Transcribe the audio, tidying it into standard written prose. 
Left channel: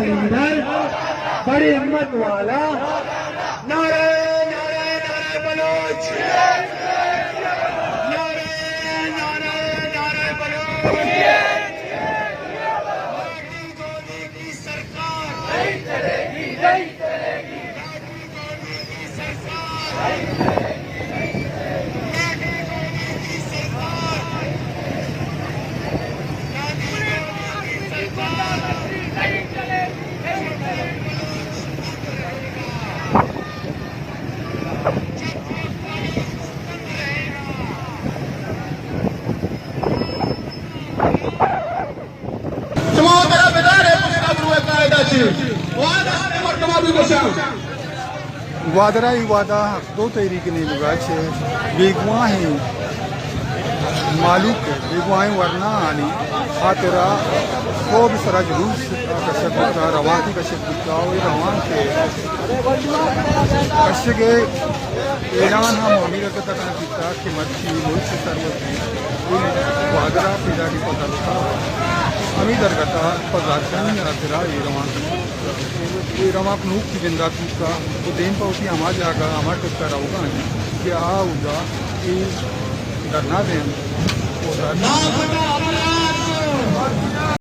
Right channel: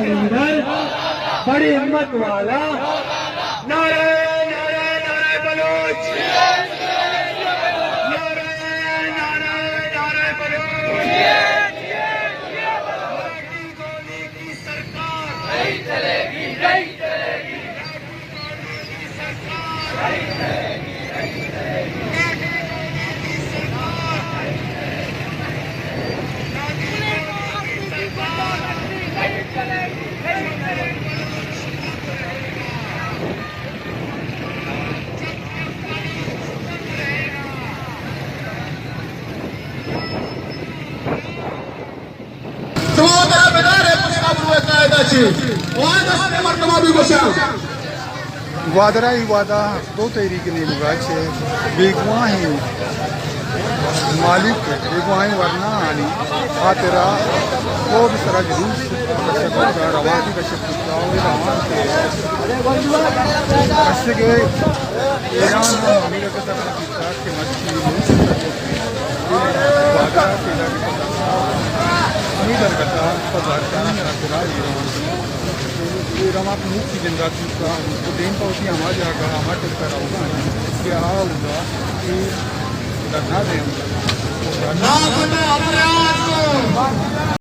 leader बड़ी हिम्मत वाला नारे नारे नारे बलोच नारे नारे नारे बलोच रागी गोली की सरकार नहीं चलेगी नहीं चलेगी रागी गोली की सरकार नहीं चलेगी नहीं चलेगी रागी गोली की सरकार रागी गोली की सरकार नहीं चलेगी वादरा वादा दो तहरीक ने मुगाचे बेगवाहें मालूक बेगवाहें वरना आनी खातिरा को भी सरा जरूस तशक्कुर रवान की तशक्कुर रवान से के ईरान हम अमीरत तरह की साथ से मच्छी लोई वादरा पैदा भी पकड़ता अमीर करता पकड़ता रवान रमा नूक की जनजाति का तो दिन का उसने हमारे आता हमारे तक का होगा क्या होगा कि डरना देंगे